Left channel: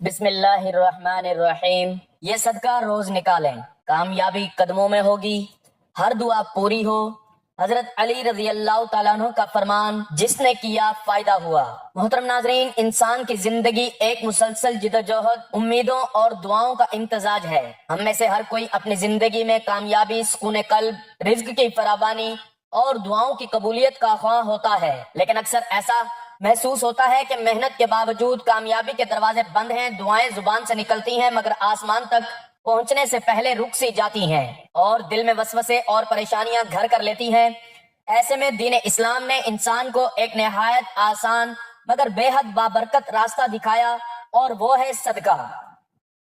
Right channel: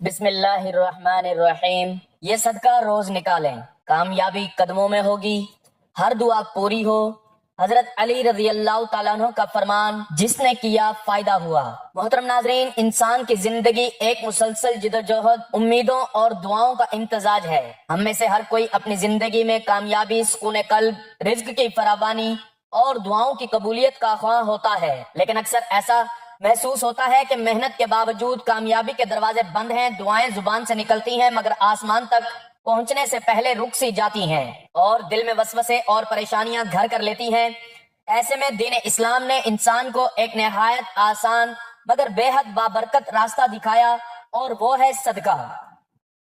بسم اللہ الرحمن الرحیم۔ یہ صدقہ روز نکالیں، کامیابی قدموں میں ہوگی، ہر دعا پوری ہو۔ حضرت علی رضی اللہ تعالیٰ عنہ کا فرمان، جس نے کیا فائدہ ہوا۔ محترم ناظرین، انسان کی زندگی ایک مسلسل جدوجہد، امیدوں اور دعاؤں کا امتزاج ہے۔ ہم میں سے ہر کوئی اپنی زندگی میں کامیابی، سکون قلب، رزق کی فراوانی اور دعاؤں کی قبولیت کا خواہاں ہوتا ہے، لیکن اکثر ایسا محسوس ہوتا ہے کہ محنت کے باوجود کامیابی کے دروازے بند ہیں، دعائیں زبان سے نکلتی ہیں مگر آسمان تک پہنچنے سے پہلے رک سی جاتی ہیں اور دل میں وسوسے اور پریشانیاں گھر کر لیتی ہیں۔ ایسے میں دین اسلام نے انسان کو ایک نہایت آسان مگر بے حد بابرکت راستہ دکھایا، اور وہ ہے صدقہ۔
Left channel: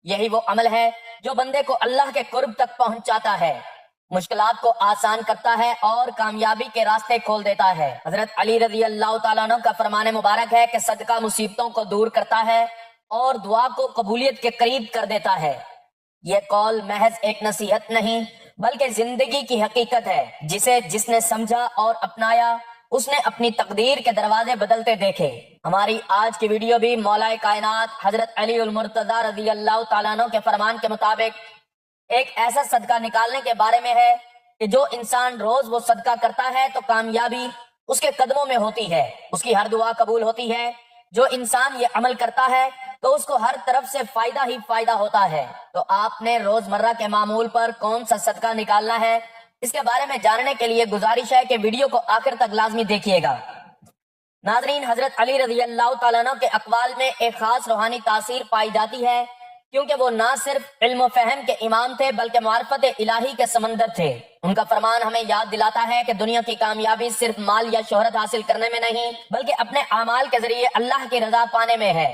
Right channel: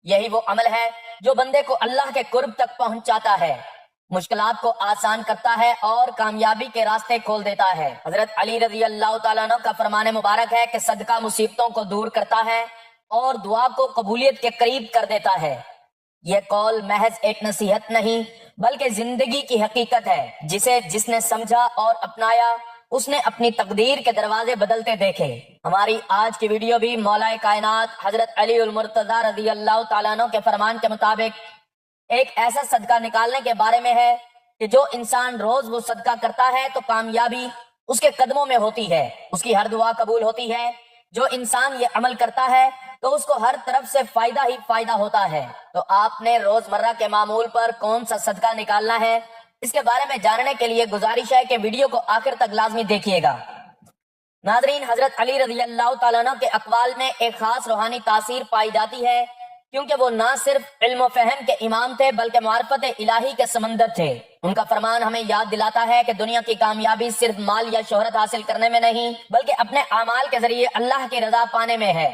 یہی وہ عمل ہے جو بندے کو اللہ کے قرب تک پہنچاتا ہے، مشکلات کو آسان کرتا ہے اور کامیابی کے راستے کھول دیتا ہے۔ حضرت علی رضی اللہ تعالیٰ عنہ کا فرمان مبارک ہے کہ صدقہ مصیبتوں کو دور کرتا ہے اور دعا کو قبولیت کے قریب کر دیتا ہے۔ یہ قول محض ایک نصیحت نہیں بلکہ زندگی کی حقیقت ہے، جسے جس نے سمجھا اور اپنایا اس نے اپنی تقدیر کے دروازے بدلتے دیکھے۔ ہماری آج کی ویڈیو بھی مولا کائنات حضرت علی المرتضی رضی اللہ تعالیٰ عنہ کے فرمان کے مطابق ایک ایسا صدقہ نکالنے کے بارے میں ہے کہ جو انسان روز وہ صدقہ کرتا ہے تو کامیابی اس کے قدموں میں ہوتی ہے، اس کی ہر دعا قبول ہوتی ہے۔ جو انسان یہ عمل کرتا ہے تو اس کو ہر طرف سے فائدہ ہی فائدہ ہوتا ہے۔ تو آپ نے روزمرہ کے معمول پر کون سا صدقہ نکالنا ہے، اس کے بارے میں جاننے کے لیے گزارش ہے کہ ویڈیو کو آخر تک لازمی دیکھیے گا۔ ناظرین، حضرت علی رضی اللہ تعالیٰ عنہ کے اقوال میں ایک خاص روحانی تاثیر پائی جاتی ہے، کیونکہ وہ نہ صرف علم و فہم کے امام تھے بلکہ معرفت الہی کے سمندر تھے۔ ان کا فرمان ہمیں یاد دلاتا ہے کہ دنیا کی کامیابی صرف مال یا شہرت حاصل کرنے میں نہیں بلکہ اپنے اعمال کے ذریعے اللہ کی رضا پانے میں ہے۔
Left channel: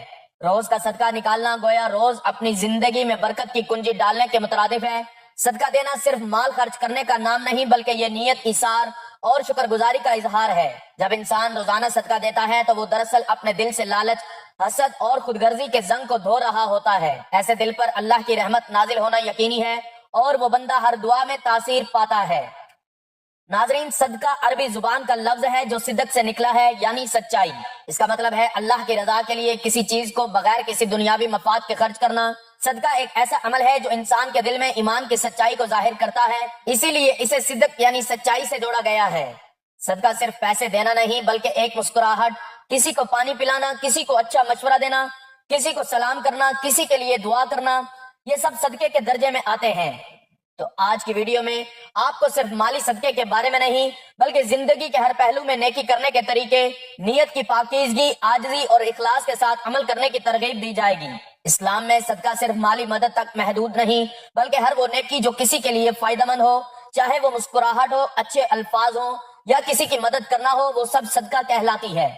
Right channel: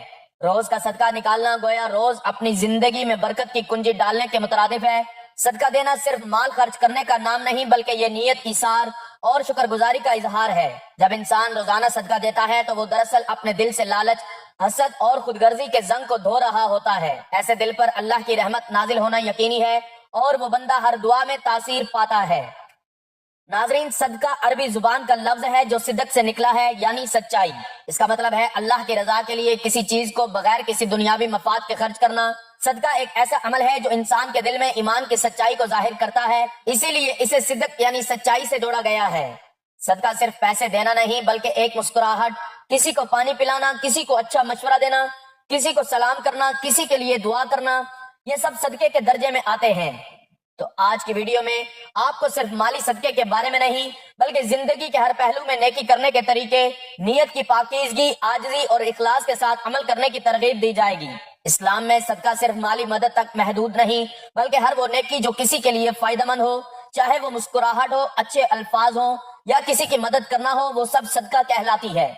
روز کا صدقہ نکالنا گویا روز اپنی زندگی میں برکت کی کنجی ڈالنے کے مترادف ہے۔ صدقہ دینا صرف مال خرچ کرنے کا نام نہیں بلکہ یہ نیت، ایثار اور شکر گزاری کا اظہار ہے۔ جب انسان روزانہ صدقہ دیتا ہے تو وہ دراصل اپنے دل سے لالچ، حسد اور خود غرضی کے زنگ کو دھو رہا ہوتا ہے۔ ایسے دل پر اللہ کی رحمت نازل ہونا یقینی ہے اور وہ بندہ ہر دعا میں تاثیر پاتا ہے۔ ناظرین، صدقہ عربی زبان کا لفظ ہے جو صدق سے نکلا ہے، یعنی سچائی۔ اس کا مطلب ہے اللہ کی رضا کے لیے کسی چیز کو بغیر کسی دنیاوی مفاد کے خرچ کرنا۔ صدقہ ایک ایسا عمل ہے جو انسان کے دل میں ایمان کی سچائی کو ظاہر کرتا ہے، اسی لیے اسے صدق یعنی سچائی سے جوڑا گیا ہے۔ صدقہ صرف پیسے دینا نہیں بلکہ ایک مسکراہٹ، کسی کو پانی پلانا، کسی کو اچھا مشورہ دینا، کسی کو سلام کرنا، کسی کے لیے دعا کرنا، یہ سب صدقے کے درجے میں آتے ہیں۔ تو آج کی ویڈیو میں آپ کو صرف مالی صدقے کے بارے میں نہیں بلکہ زندگی کے ہر پہلو میں نیکی کرنے کے طریقے، نیت کی پاکیزگی، عاجزی اور اخلاص کے ساتھ عمل کرنے کی ترغیب دی جائے گی۔ اسلام میں صدقہ صرف مالی مدد تک محدود نہیں بلکہ ہر وہ نیکی جو کسی کے لیے فائدہ مند ہو، چاہے وہ مسکراہٹ ہو، اچھے الفاظ ہوں یا کسی کی مدد کرنا ہو، وہ سب صدقہ کہلاتی ہے۔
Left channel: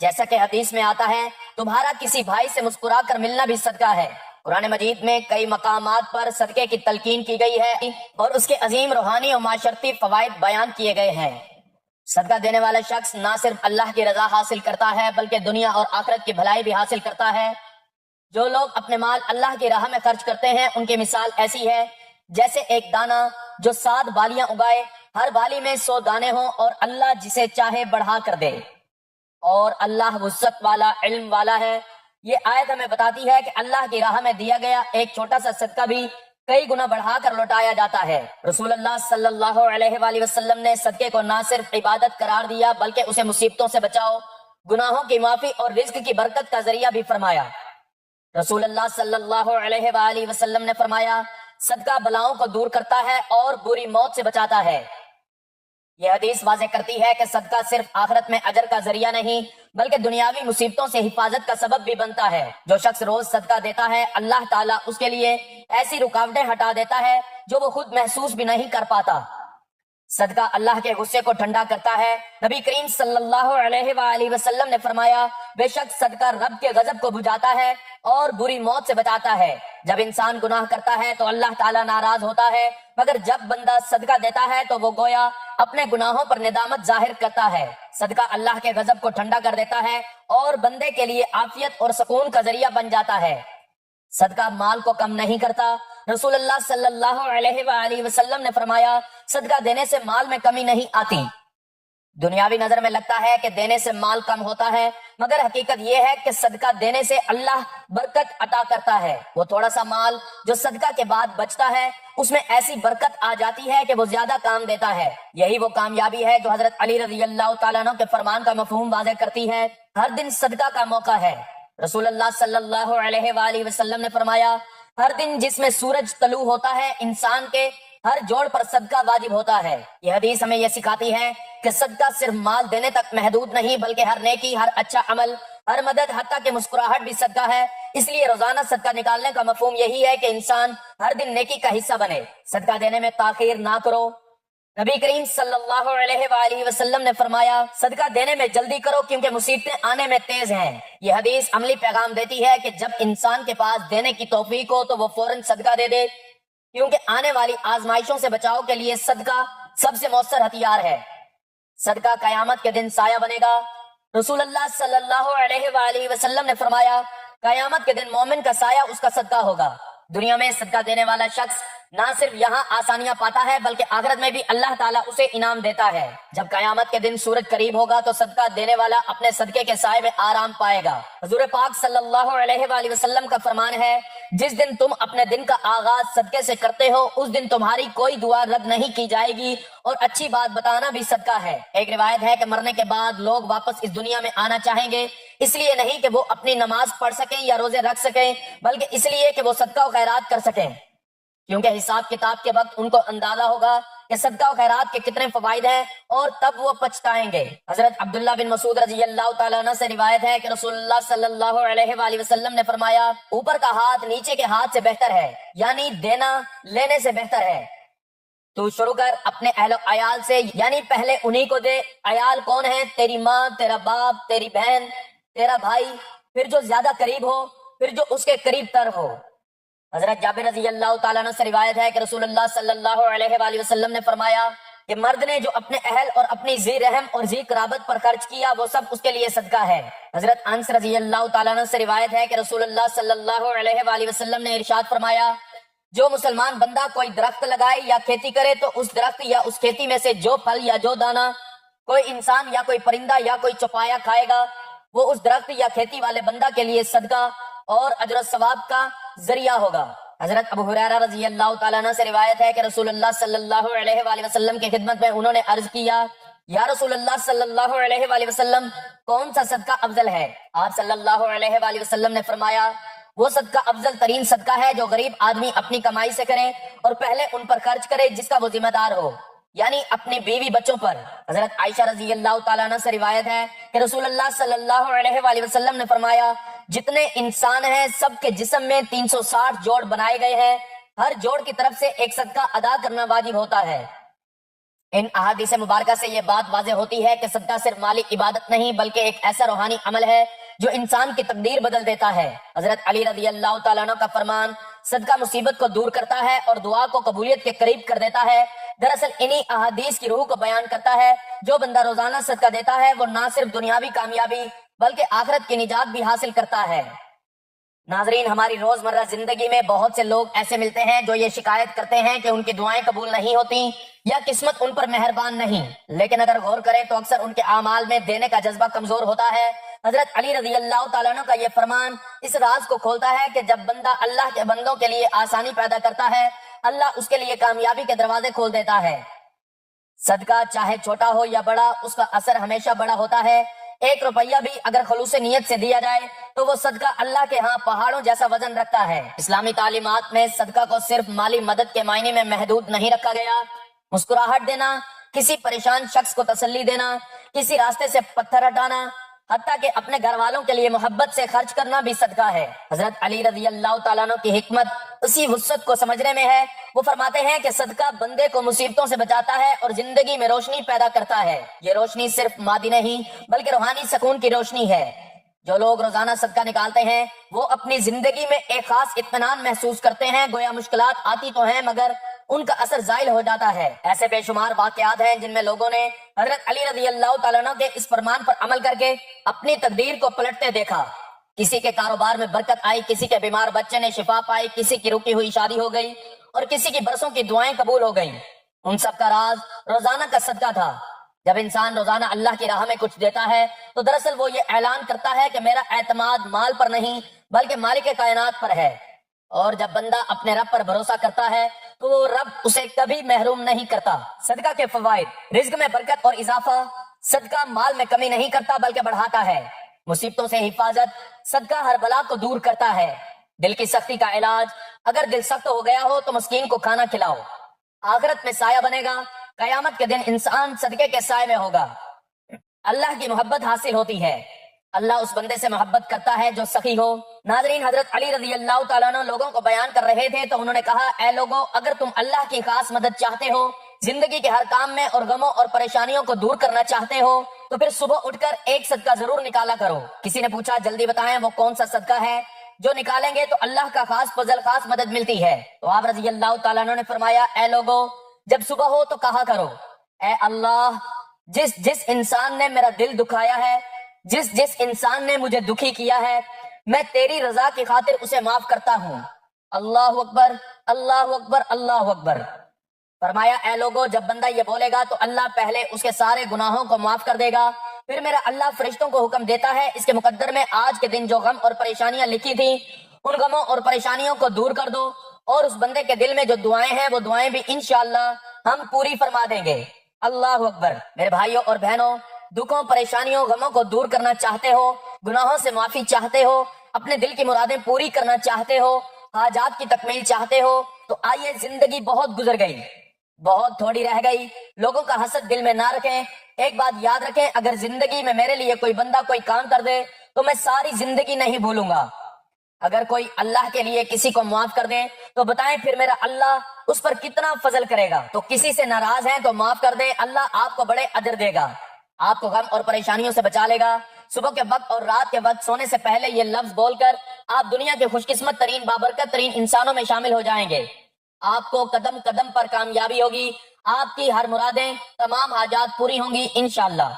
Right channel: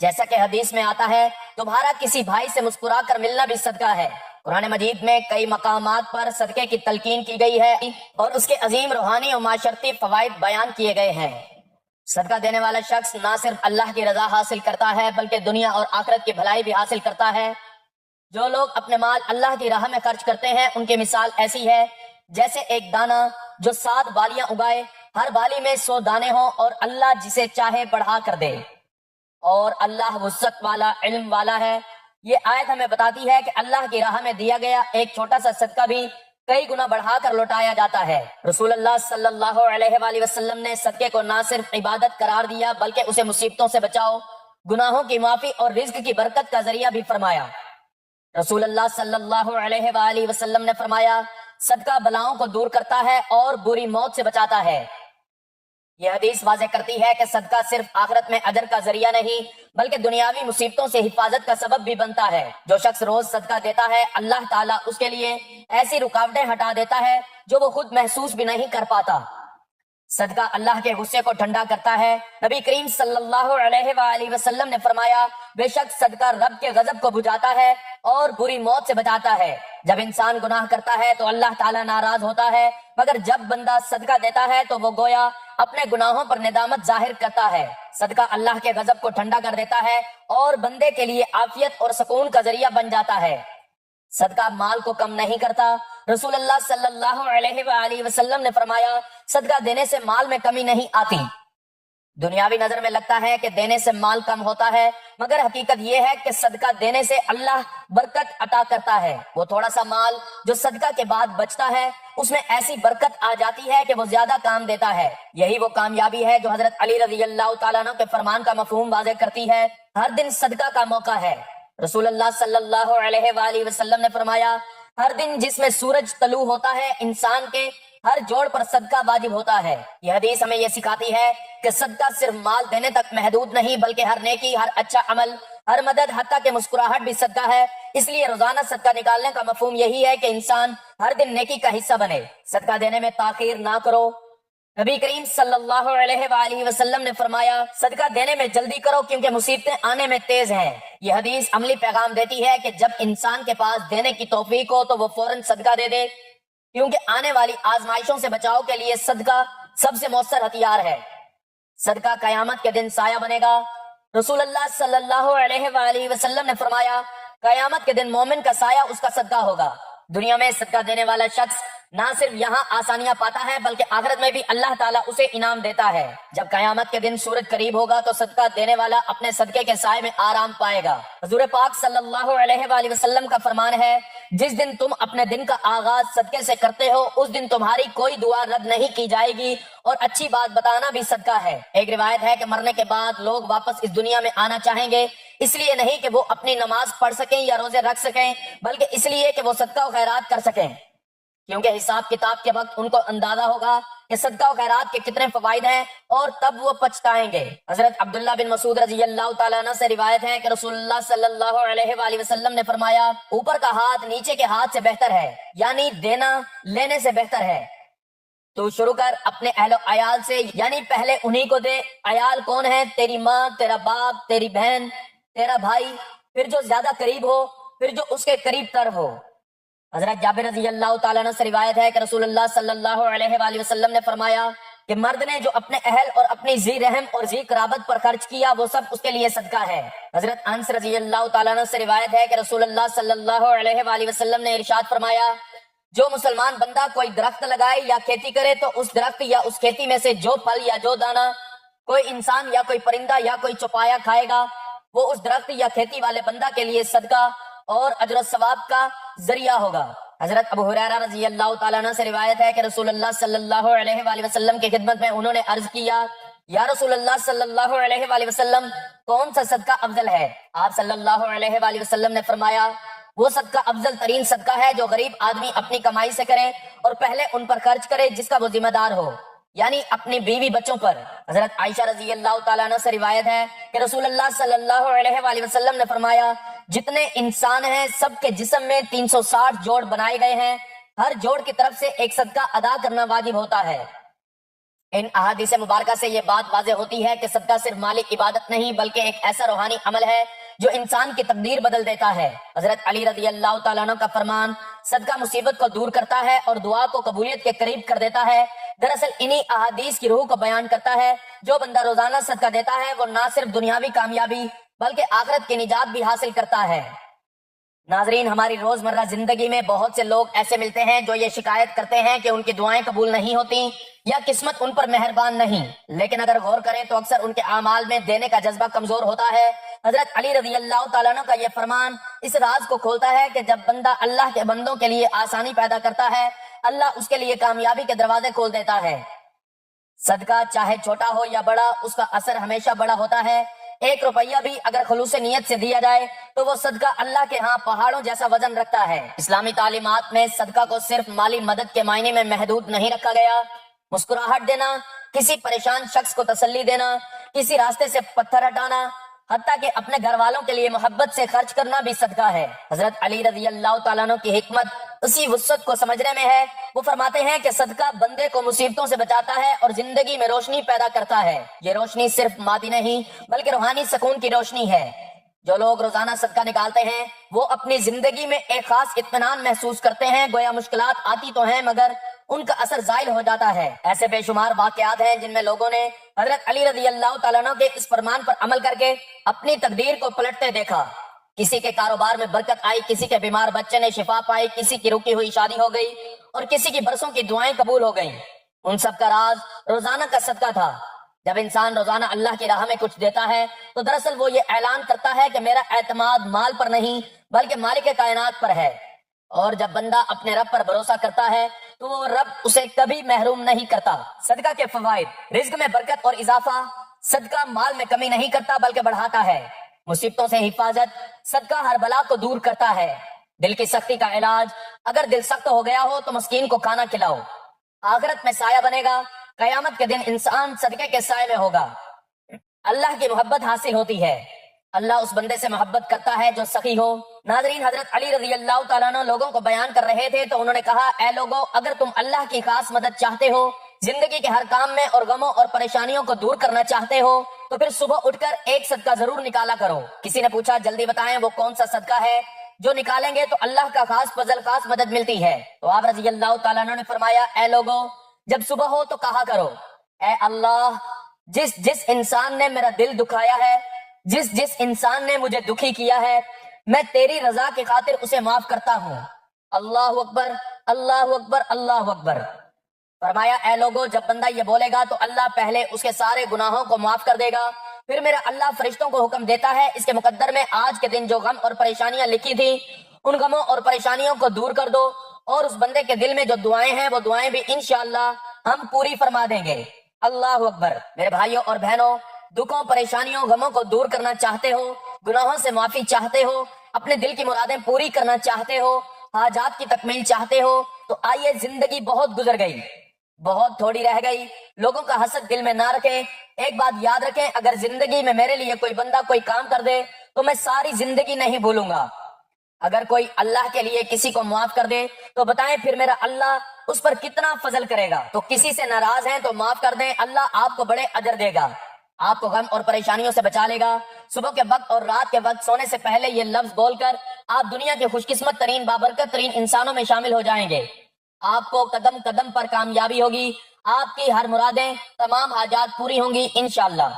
جیسا کہ حدیث میں آتا ہے، تمہارا کسی بھائی سے مسکرا کر ملنا بھی صدقہ ہے۔ قرآن مجید میں کئی مقامات پر صدقے کی تلقین کی گئی ہے اور اس کے عظیم روحانی اور معاشرتی فوائد بیان کیے گئے ہیں۔ صدقہ دینے والا شخص نہ صرف اللہ کی رضا حاصل کرتا ہے بلکہ دنیا اور آخرت کی بھلائی بھی حاصل کرتا ہے۔ جو لوگ اپنے مال اللہ کی راہ میں خرچ کرتے ہیں ان کی مثال ایسی ہے جیسے ایک دانہ جو 7 بالیاں اگائے، ہر بالی میں 100 دانے ہوں اور اللہ جسے چاہے بڑھا کر دے، اور اللہ وسعت والا، علم والا ہے۔ یہ آیت ہمیں بتاتی ہے کہ اللہ کی راہ میں دیا گیا ایک چھوٹا سا صدقہ بھی کئی گنا بڑھا کر لوٹایا جاتا ہے۔ رسول اللہ صلی اللہ علیہ وآلہ وسلم نے صدقے کو نہ صرف عبادت قرار دیا بلکہ اسے مصیبتوں سے بچاؤ، گناہوں کی معافی اور رزق کی برکت کا ذریعہ بھی فرمایا۔ رسول اللہ صلی اللہ علیہ وآلہ وسلم نے فرمایا، صدقہ بلاؤں کو دور کرتا ہے اور بری موت سے بچاتا ہے۔ یہ حدیث واضح کرتی ہے کہ صدقہ صرف آخرت میں اجر کا ذریعہ نہیں بلکہ دنیاوی مصیبتوں سے حفاظت کا سبب بھی بنتا ہے۔ جو شخص روز صدقہ دیتا ہے اللہ تعالیٰ اس کے لیے ایسی رکاوٹیں ہٹا دیتا ہے جو وہ خود محسوس بھی نہیں کر پاتا۔ صدقہ اللہ کے غصے کو ٹھنڈا کرتا ہے۔ نبی کریم صلی اللہ علیہ وآلہ وسلم نے فرمایا، بے شک صدقہ رب کے غضب کو بجھاتا ہے اور بری موت سے بچاتا ہے۔ جب انسان گناہ کرتا ہے تو اللہ تعالیٰ ناراض ہوتا ہے، مگر جب بندہ صدقہ دیتا ہے تو وہ گویا اپنے گناہوں پر ندامت ظاہر کرتا ہے۔ صدقہ اللہ کے غضب کو ٹھنڈا کر دیتا ہے اور بندے کے لیے عافیت اور سکون کا ذریعہ بن جاتا ہے۔ صدقہ مال کو کم نہیں کرتا۔ رسول اللہ صلی اللہ علیہ وآلہ وسلم نے فرمایا، صدقہ دینے سے مال میں کمی نہیں آتی۔ دنیاوی نظر میں لگتا ہے کہ دینے سے مال کم ہوتا ہے، مگر حقیقت یہ ہے کہ صدقہ دینے سے اللہ برکت عطا کرتا ہے. وہ تھوڑا سا مال جو صدقہ کے بعد بچتا ہے اس میں ایسی برکت آ جاتی ہے کہ وہ زیادہ کام دیتا ہے. یہی وہ کامیابی ہے جو حضرت علی رضی اللہ تعالیٰ عنہ کے فرمان کا مفہوم واضح کرتی ہے. ہر دن صدقہ کا موقع ہے. رسول اللہ صلی اللہ علیہ وآلہ وسلم نے فرمایا ہر دن جس میں سورج طلوع ہوتا ہے انسان کے ہر جوڑ پر صدقہ واجب ہوتا ہے. یہ حدیث ہمیں یہ سکھاتی ہے کہ صدقہ صرف مال دینے تک محدود نہیں بلکہ ہر نیکی، ہر اچھا عمل، ہر مدد، حتیٰ کہ مسکراہٹ بھی صدقہ ہے. اس لیے روزانہ صدقہ نکالنے کا مفہوم یہی ہے کہ انسان ہر دن نیکی کا حصہ بنے. صدقہ دینے میں تاخیر نہ کرو. نبی کریم صلی اللہ علیہ وآلہ وسلم نے فرمایا صدقہ دینے میں جلدی کرو کیونکہ مصیبتیں آنے میں تیز ہیں. یہ حدیث عملی پیغام دیتی ہے کہ جب انسان کے پاس دینے کی توفیق ہو تو وہ فوراً صدقہ دے دے، کیونکہ آنے والی آزمائشوں سے بچاؤ کے لیے صدقہ سب سے مؤثر ہتھیار ہے. صدقہ قیامت کے دن سایہ بنے گا. رسول اللہ صلی اللہ علیہ وآلہ وسلم نے فرمایا قیامت کے دن مومن کا سایہ اس کا صدقہ ہوگا. دنیا میں صدقہ دینے والا شخص نہ صرف یہاں آسانیاں پاتا ہے بلکہ آخرت میں بھی اللہ تعالیٰ اسے انعام دیتا ہے. جب قیامت کے دن سورج قریب ہوگا تو صدقہ دینے والا اپنے صدقے کے سائے میں آرام پائے گا. حضور پاک صلی اللہ علیہ وآلہ وسلم کا فرمان ہے جس دن تم اپنے دن کا آغاز صدقے سے کرتے ہو اس دن تمہاری کوئی دعا رد نہیں کی جائے گی، اور اچھی بات بتانا بھی صدقہ ہے. ایک روایت ہے کہ مرنے کے بعد لوگ واپس اس دنیا میں آنا چاہیں گے، اس لیے نہیں کہ وہ اپنی نماز پڑھ سکیں یا روزے رکھ سکیں بلکہ اس لیے کہ وہ صدقہ و خیرات کر سکیں، کیونکہ حساب کتاب کے وقت ان کو اندازہ ہوگا کہ صدقہ و خیرات کے کتنے فوائد ہیں اور تب وہ پچھتائیں گے. حضرت عبداللہ بن مسعود رضی اللہ تعالیٰ عنہ سے روایت ہے کہ رسول اللہ صلی اللہ علیہ وآلہ وسلم نے فرمایا اوپر کا ہاتھ نیچے کے ہاتھ سے بہتر ہے، یعنی دینا لینے سے بہتر ہے. تو شروع کر اپنے اہل و عیال سے، یعنی پہلے انہی کو دے. عیال کون ہے؟ تیری ماں، تیرا باپ، تیری بہن، تیرا بھائی، پھر جو زیادہ قریب ہو، پھر جو اس کے قریب تر ہو. حضرت جابر رضی اللہ تعالیٰ عنہ سے روایت ہے کہ رسول اللہ صلی اللہ علیہ وآلہ وسلم نے فرمایا کہ مرد نے جو اپنے اہل اور اپنی ذی رحم اور ذی قرابت پر خرچ کیا وہ سب اس کے لیے صدقہ ہے. حضرت انس رضی اللہ تعالیٰ عنہ سے روایت ہے کہ رسول اللہ صلی اللہ علیہ وآلہ وسلم نے ارشاد فرمایا جو مسلمان بندہ کوئی درخت لگائے یا کھیتی کرے تو اس درخت یا اس کھیتی میں سے جو پھل یا جو دانہ کوئی انسان یا کوئی پرندہ یا کوئی چوپایا کھائے گا وہ اس درخت یا کھیتی والے بندہ کے لیے صدقہ اور اجر و ثواب کا ذریعہ ہوگا. حضرت ابو ہریرہ رضی اللہ تعالیٰ عنہ سے روایت ہے کہ رسول اللہ صلی اللہ علیہ وآلہ وسلم کی خدمت میں انہوں نے عرض کیا یا رسول اللہ صلی اللہ علیہ وآلہ وسلم کون سا صدقہ افضل ہے؟ آپ صلی اللہ علیہ وآلہ وسلم نے فرمایا وہ صدقہ افضل ترین صدقہ ہے جو غریب آدمی اپنی کمائی سے کرے اور پہلے ان پر خرچ کرے جس کا وہ ذمہ دار ہو، یعنی اپنی بیوی بچوں پر. حضرت عائشہ رضی اللہ تعالیٰ عنہ سے روایت ہے کہ رسول اللہ صلی اللہ علیہ وآلہ وسلم نے فرمایا جتنے انسان ہیں سب کے جسم میں 360 جوڑ بنائے گئے ہیں، ہر جوڑ کی طرف سے ایک صدقہ ادا کرنا واجب ہوتا ہے. ان احادیث مبارکہ سے یہ بات واضح ہوتی ہے کہ صدقہ صرف مالی عبادت نہیں بلکہ ایک ایسا روحانی عمل ہے جو انسان کی تقدیر بدل دیتا ہے. حضرت علی رضی اللہ تعالیٰ عنہ کا فرمان صدقہ مصیبت کو دور کرتا ہے اور دعا کو قبولیت کے قریب کر دیتا ہے. دراصل انہی احادیث کی روح کو بیان کرتا ہے. جو بندہ روزانہ صدقہ دیتا ہے وہ نہ صرف دنیاوی کامیابی بلکہ آخرت کی نجات بھی حاصل کرتا ہے. ناظرین، ہماری روزمرہ زندگی میں بہت سے لوگ ایسے ملتے ہیں جو یہ شکایت کرتے ہیں کہ ان کی دعائیں قبول نہیں ہوتی یا قسمت ان پر مہربان نہیں، لیکن اگر غور کریں تو اکثر ان کے اعمال میں دینے کا جذبہ کمزور ہوتا ہے. حضرت علی رضی اللہ تعالیٰ عنہ کا یہ فرمان اس راز کو کھولتا ہے کہ جب بندہ اللہ کے بندوں کے لیے آسانی پیدا کرتا ہے اللہ اس کے لیے کامیابی کے دروازے کھول دیتا ہے. صدقہ چاہے چھوٹا ہو یا بڑا اس کا اثر ہمیشہ بڑا ہوتا ہے. 1 روپیہ بھی اگر خلوص نیت سے دیا جائے تو وہ صدقہ اللہ کے ہاں پہاڑوں جیسا وزن رکھتا ہے. اسلامی تعلیمات میں صدقہ کو صرف مالی مدد کے معنی میں محدود نہیں رکھا گیا. مسکراہٹ دینا، کسی پریشان شخص کو تسلی دینا، کسی راستے سے پتھر ہٹانا، حتیٰ کہ اپنے گھر والوں کے لیے محبت سے خرچ کرنا بھی صدقہ ہے. حضرت علی رضی اللہ تعالیٰ عنہ کی حکمت اسی وسعت کو سمجھنے میں ہے. وہ فرماتے ہیں کہ صدقہ بندے کو مصیبتوں سے بچاتا ہے اور زندگی میں روشنی پیدا کرتا ہے. یہ روشنی صرف مادی نہیں بلکہ روحانی سکون کی روشنی ہے. جو لوگ روزانہ صدقہ نکالتے ہیں وہ اپنی زندگی میں ایک خاص اطمینان محسوس کرتے ہیں. گویا مشکلات آتی تو ہیں مگر ان کا اثر زائل ہو جاتا ہے. ایسے بے شمار واقعات ہیں جن میں لوگوں نے حضرت علی رضی اللہ تعالیٰ عنہ کے اس فرمان پر عمل کر کے اپنی تقدیر کو پلٹتے دیکھا. کسی کے کاروبار میں برکت آئی، کسی کے بیمار بچے نے شفا پائی، کسی کی رکی ہوئی شادی ہو گئی اور کسی کی برسوں کی دعائیں قبول ہو گئیں. ان سب کا راز روزانہ کا صدقہ تھا. جب انسان روزانہ اللہ کی راہ میں کچھ دیتا ہے تو دراصل وہ یہ اعلان کرتا ہے کہ میرا اعتماد مال پر نہیں بلکہ مالک کائنات پر ہے، اور جب بندہ اپنے رب پر بھروسہ کرتا ہے تو وہ رب اسے کبھی محروم نہیں کرتا۔ صدقہ کے فوائد: رزق میں برکت اور اضافہ، صدقہ مال میں کمی نہیں کرتا بلکہ بڑھاتا ہے۔ مصیبتوں سے حفاظت، صدقہ ہر بلا کو دور کرتا ہے۔ دل کی سختی کا علاج، اگر دل سخت ہو گیا ہو تو مسکین کو کھانا کھلاؤ۔ آخرت میں سایہ بنے گا، قیامت کے دن انسان صدقے کے سائے میں ہوگا۔ اللہ کی محبت حاصل ہوتی ہے، اللہ اس بندے سے محبت کرتا ہے جو سخی ہو۔ ناظرین، حضرت علی رضی اللہ تعالیٰ عنہ لوگوں کو بیان کر رہے تھے تو انہوں نے کہا، اے لوگو، اگر تم اللہ کی خاص مدد چاہتے ہو، زندگی کے ہر کام میں اور غموں اور پریشانیوں کو دور کرنا چاہتے ہو تو پھر صبح اٹھ کر ایک صدقہ ضرور نکالا کرو۔ کسی نے پوچھا، جلدی بتائیں وہ کون سا صدقہ ہے جو نکالیں گے تو اللہ کا خاص فضل، خاص مدد ملتی ہے؟ تو آپ رضی اللہ تعالیٰ عنہ نے فرمایا، اے لوگو، جب صبح ہو تو کہا کرو، اے اللہ، جس انسان نے میرا دل دکھایا ہے، جس انسان نے مجھے دکھی کیا ہے، میں تیری رضا کی خاطر اسے معاف کرتا ہوں۔ اللہ اکبر، اللہ اکبر، اللہ اکبر۔ فرمایا، اے لوگو، جب بندہ یہ بولے گا تو اللہ پہلے اس کے سارے گناہوں کو معاف کر دے گا، پھر میرا اللہ فرشتوں کو حکم دیتا ہے اس کے مقدر میں آج کے دن جو غم اور پریشانیاں لکھی تھی ان غموں اور پریشانیوں کو دور کر دو، اور اس بندے کے دل میں جو دعائیں ہیں وہ دعائیں بھی انشاءاللہ ہم پوری فرما دیں گے۔ اللہ اکبر۔ میرے بھائیوں اور بہنوں، دکھوں، پریشانیوں، غموں کو دور کرنا چاہتے ہو، گناہوں سے معافی چاہتے ہو، اپنے دل کی مرادیں پوری کرنا چاہتے ہو، حاجات کی تکمیل چاہتے ہو، تو آئیے، زندگی بہت گزر گئی، بہت تھوڑی رہ گئی، لوگوں کا حسد دل میں نہ رکھیں۔ ایک بات یاد رکھیں، اگر زندگی میں میرے لیے کوئی بندہ کوئی کام کر دے تو میں ساری زندگی نہیں بھولوں گا۔ اگر کوئی اللہ کے لیے کسی کو معاف کر دے تو بتائیں پھر میرا اللہ اس پر کتنا فضل کرے گا۔ تو کسی سے ناراض ہیں تو معاف کر دیں، اللہ آپ کو بڑے اجر دے گا، آپ کو غم اور پریشانیوں سے بچا لے گا۔ صبح کے وقت اور رات کے وقت سونے سے پہلے یہ لفظ بول کر آپ دنیا کے خوش قسمت ترین، بابرکت ترین انسانوں میں شامل ہو جائیں گے۔ آپ کو قدم قدم پر کامیابی ہوگی، آپ کی ہر مرادیں، تمام حاجات پوری ہوں گی انشاءاللہ۔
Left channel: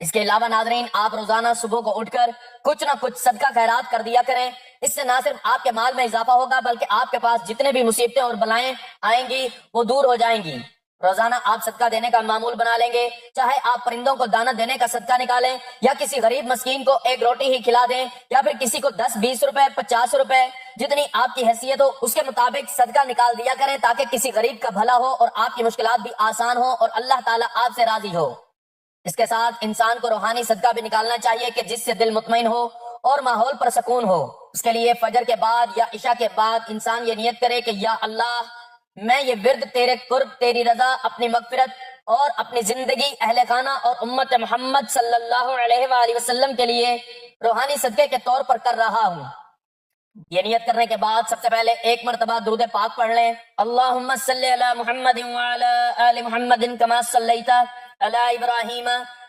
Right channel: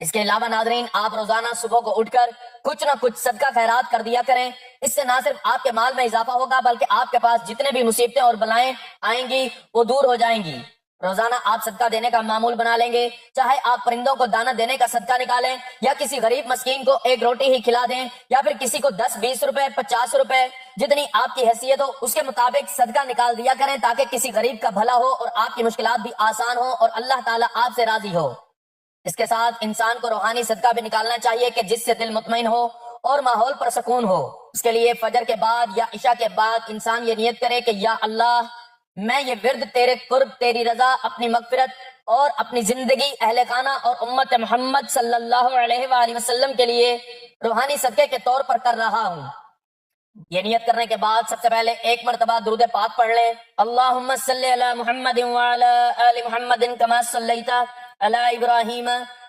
اس کے علاوہ ناظرین، آپ روزانہ صبح کو اٹھ کر کچھ نہ کچھ صدقہ خیرات کر دیا کریں۔ اس سے نہ صرف آپ کے مال میں اضافہ ہوگا بلکہ آپ کے پاس جتنے بھی مصیبتیں اور بلائیں آئیں گی وہ دور ہو جائیں گی۔ روزانہ آپ صدقہ دینے کا معمول بنا لیں گے، چاہے آپ پرندوں کو دانہ دینے کا صدقہ نکالیں، یا کسی غریب مسکین کو ایک روٹی ہی کھلا دیں، یا پھر کسی کو 10 20 روپے 50 روپے جتنی آپ کی حیثیت ہو اس کے مطابق صدقہ نکال دیا کریں، تاکہ کسی غریب کا بھلا ہو اور آپ کی مشکلات بھی آسان ہو اور اللہ تعالیٰ آپ سے راضی ہو۔ اس کے ساتھ انسان کو روحانی صدقہ بھی نکالنا چاہیے کہ جس سے دل مطمئن ہو اور ماحول پر سکون ہو۔ اس کے لیے فجر کے بعد یا عشاء کے بعد انسان یہ نیت کرے کہ یا اللہ، میں یہ ورد تیرے قرب، تیری رضا، اپنی مغفرت اور اپنی زندگی، اہل خانہ اور امت محمد صلی اللہ علیہ وآلہ وسلم کے لیے روحانی صدقے کے طور پر کر رہا ہوں۔ یہ نیت کرنے کے بعد سب سے پہلے ایک مرتبہ درود پاک پڑھ لیں، اللہم صلی علی محمد وعلی آل محمد کما صلیت علی ابراہیم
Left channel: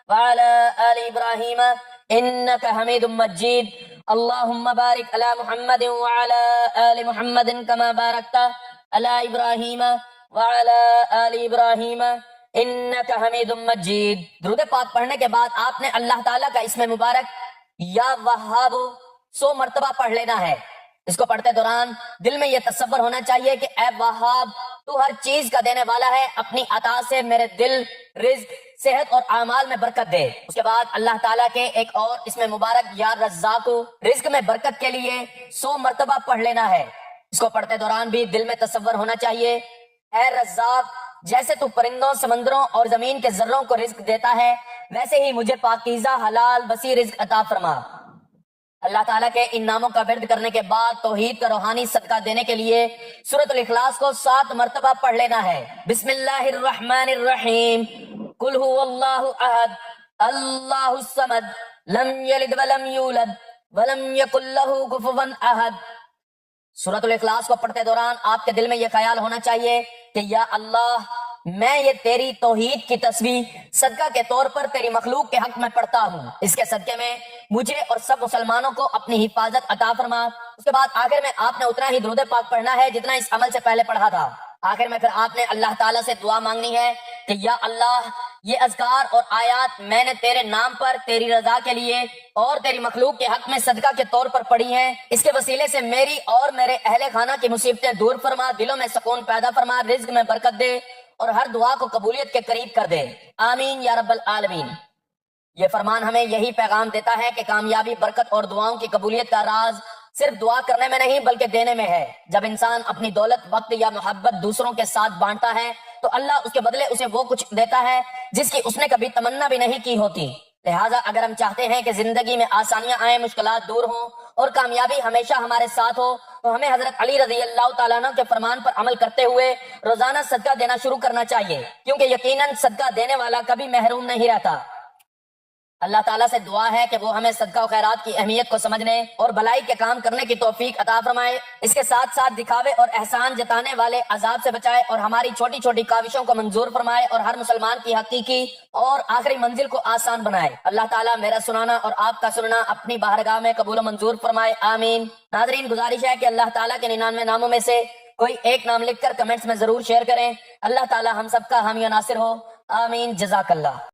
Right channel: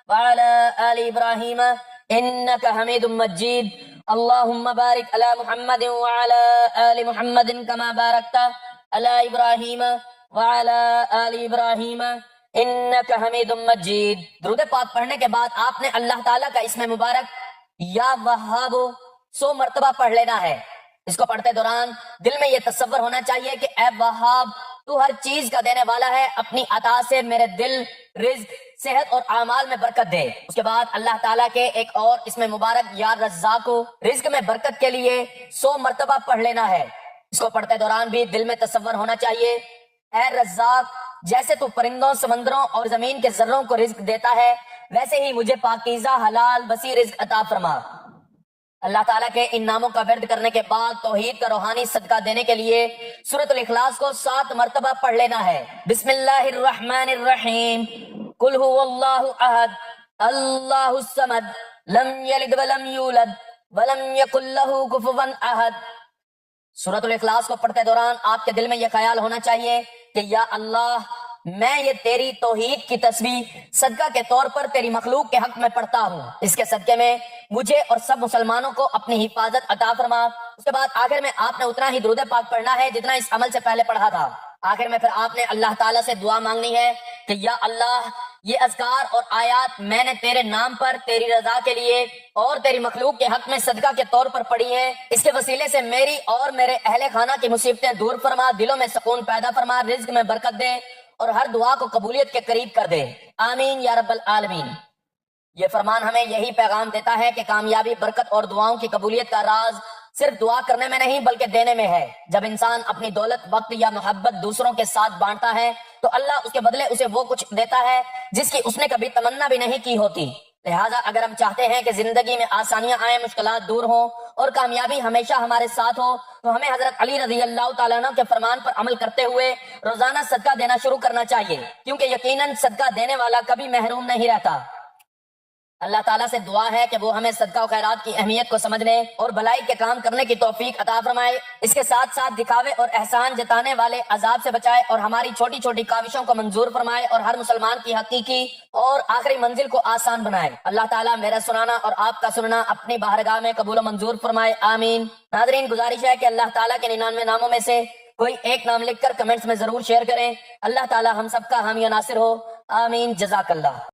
وعلی آل ابراہیم انک حمید مجید، اللہم بارک علی محمد وعلی آل محمد کما بارکت علی ابراہیم وعلی آل ابراہیم انک حمید مجید۔ درود پاک پڑھنے کے بعد آپ نے اللہ تعالیٰ کا اسم مبارک یا وہاب 100 مرتبہ پڑھ لینا ہے۔ اس کو پڑھتے دوران دل میں یہ تصور ہونا چاہیے کہ اے وہاب، تو ہر چیز کا دینے والا ہے، اپنی عطا سے میرے دل، رزق، صحت اور اعمال میں برکت دے۔ اس کے بعد اللہ تعالیٰ کے ایک اور اسم مبارک یا رزاق، رزق میں برکت کے لیے 100 مرتبہ پڑھ لینا ہے۔ اس کو پڑھتے دوران بھی دل میں تصور ہونا چاہیے، اے رزاق، جیسے تو پرندوں، سمندروں اور زمین کے ذروں کو رزق دیتا ہے، ویسے ہی مجھے پاکیزہ، حلال، وسیع رزق عطا فرما۔ اللہ تعالیٰ کے ان ناموں کا ورد کرنے کے بعد توحید کا روحانی صدقہ دینے کے لیے سورۃ الاخلاص کو 7 مرتبہ پڑھ لینا ہے۔ بسم اللہ الرحمن الرحیم، قل هو اللہ احد اللہ الصمد لم یلد ولم یولد ولم یکن لہ کفوا احد۔ سورۃ الاخلاص کو پڑھتے دوران آپ کے دل میں یہ خیال ہونا چاہیے کہ یا اللہ، میں یہ تیری توحید کی تسبیح صدقہ کے طور پر تیری مخلوق کے حق میں پڑھتا ہوں، اس کے صدقے میں مجھے اور سب مسلمانوں کو اپنی حفاظت عطا فرما۔ اس کے بعد آخر میں آپ نے اتنا ہی درود پاک پڑھنا ہے جتنا اس عمل سے پہلے پڑھا تھا۔ آخر میں پھر آپ نے اللہ تعالیٰ سے دعا مانگنی ہے کہ یا اللہ، یہ اذکار اور آیات میں نے تیرے نام پر، تیری رضا کے لیے اور تیری مخلوق کے حق میں صدقہ کے طور پر پڑھی ہیں، اس کے وسیلے سے میری اور میرے اہل خانہ کی مصیبتیں دور فرما، دلوں میں سکون پیدا فرما، رزق میں برکت دے اور ہر دعا کو قبولیت کے قریب کر دے، آمین یا رب العالمین۔ یہ فرمان ہمیں یہی پیغام دیتا ہے کہ کامیابی، برکت اور دعاؤں کی قبولیت کا راز صرف دعا کرنے میں نہیں بلکہ دینے میں ہے۔ جب انسان اپنی دولت، وقت یا محبت دوسروں کے ساتھ بانٹتا ہے تو اللہ اس کے بدلے اسے وہ کچھ دیتا ہے جس کی اس نے کبھی تمنا بھی نہیں کی ہوتی۔ لہٰذا اگر ہم چاہتے ہیں کہ زندگی میں آسانیاں آئیں، مشکلات دور ہوں اور کامیابی ہمیشہ ہمارے ساتھ ہو، تو ہمیں حضرت علی رضی اللہ تعالیٰ عنہ کے فرمان پر عمل کرتے ہوئے روزانہ صدقہ دینا شروع کرنا چاہیے، کیونکہ یقیناً صدقہ دینے والا کبھی محروم نہیں رہتا۔ اللہ تعالیٰ سے دعا ہے کہ وہ ہمیں صدقہ و خیرات کی اہمیت کو سمجھنے اور بھلائی کے کام کرنے کی توفیق عطا فرمائے، اس کے ساتھ ساتھ دکھاوے اور احسان جتانے والے عذاب سے بچائے اور ہماری چھوٹی چھوٹی کاوشوں کو منظور فرمائے اور ہر مسلمان کی حقیقی اور آخری منزل کو آسان بنائے۔ اللہ تعالیٰ میرا سنانا اور آپ کا سننا اپنی بارگاہ میں قبول و منظور فرمائے، آمین۔ ناظرین، گزارش ہے کہ اللہ تعالیٰ کے 99 ناموں میں سے کوئی ایک نام لکھ کر کمنٹس میں ضرور شیئر کریں۔ اللہ تعالیٰ ہم سب کا حامی و ناصر ہو، آمین۔ جزاک اللہ۔